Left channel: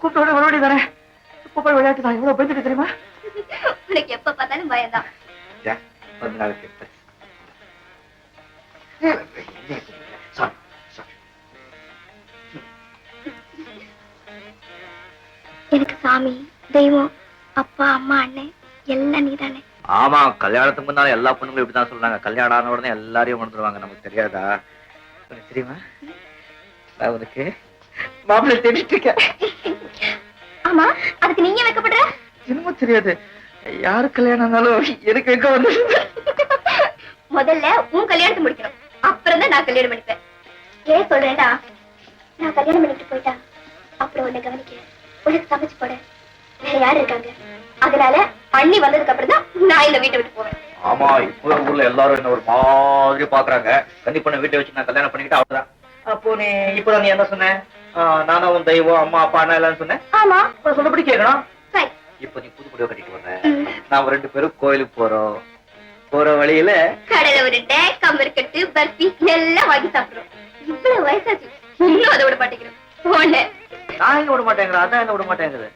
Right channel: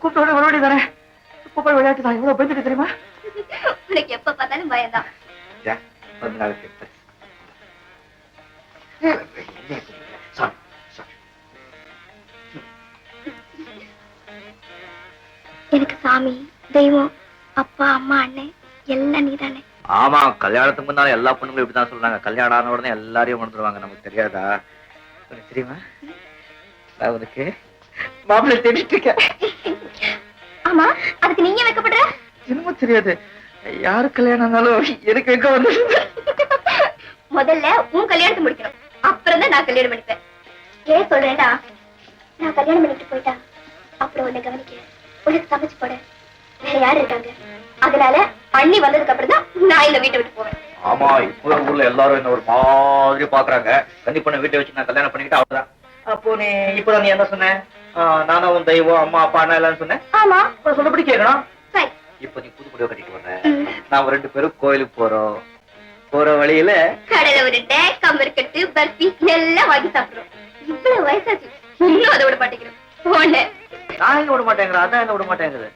கூப்பிட்டோட விளையாடி தானே இப்ப போய் விளையாட்டு தான் எவ்வளவு பயந்துட்டு தெரியுமா? உனக்கு எப்ப பார்த்தாலும் பயம்தான். எனக்கு சாமி, தெய்வம், அப்பா, அம்மா, அண்ணன் எல்லாம் நீதானே. ஆமா, கல்யாணத்துக்கு முன்னால எல்லா பொண்ணுங்களும் இப்படிதான் சொல்றாங்க. கல்யாணம் ஆன உடனே எல்லாரையும் உணர்ந்துருவாங்க. நமக்கு தெரியாதா? தெரியுமா? நான் உனக்கு மாப்பிள்ளை தேடிட்டு இருக்கேன். ஆமா, அதுக்கு நீங்க வைக்கப்படுற? என்னமோ தெரியாது, யாரு கல்யாணம் ஆனாலும் எனக்கு வைக்க வந்து. முதல்ல உன் கல்யாணத்தை முடிக்கணும், அப்புறம் தான் நான் கல்யாணம் பண்ணிப்பேன். ஏன் சொல்றேன்டா, நான் கல்யாணம் பண்ணிட்டு போயிட்டா அப்புறம் உன்னை கவனிக்க, உனக்கு சமைச்சு போட வேற யாரு இருக்காங்க? அதனால அண்ணி வந்ததுக்கு அப்புறம் தான் நான் இந்த வீட்டை விட்டு போவேன். ஆமா, இப்போ ஊர்ல எல்லாரும் என்ன ஒரு மாதிரி பாக்குறாங்க. கண்டிப்பா வீட்டை வச்சு நான் கல்யாணம் பண்ணிக்கிட்டு அவ்வளவுதான். அப்போ நீ இப்பதான் நீ என்ன சொன்ன? நானும் உன் தெய்வம், அம்மா, அப்பா, அண்ணா எல்லாம் சொன்னேன். ஆமா, சொன்னபடி கேட்கணும். சரி. இப்ப நீ புது புடவை கட்டிட்டு வர்ற, நான் 2 பேரும் கோயிலுக்கு போறோம். போற வழியில கடையில உருண்டை, கம்பருக்கட்டு, பர்ஃபி எல்லாம் வாங்கி சாப்பிடுறோம். இவ்வளவு வயசாச்சு இன்னும் அதை விட மாட்டேங்கிறேன். நான் எங்க விட மாட்டேங்கிறேன், அதான் என்ன விட மாட்டேங்குது.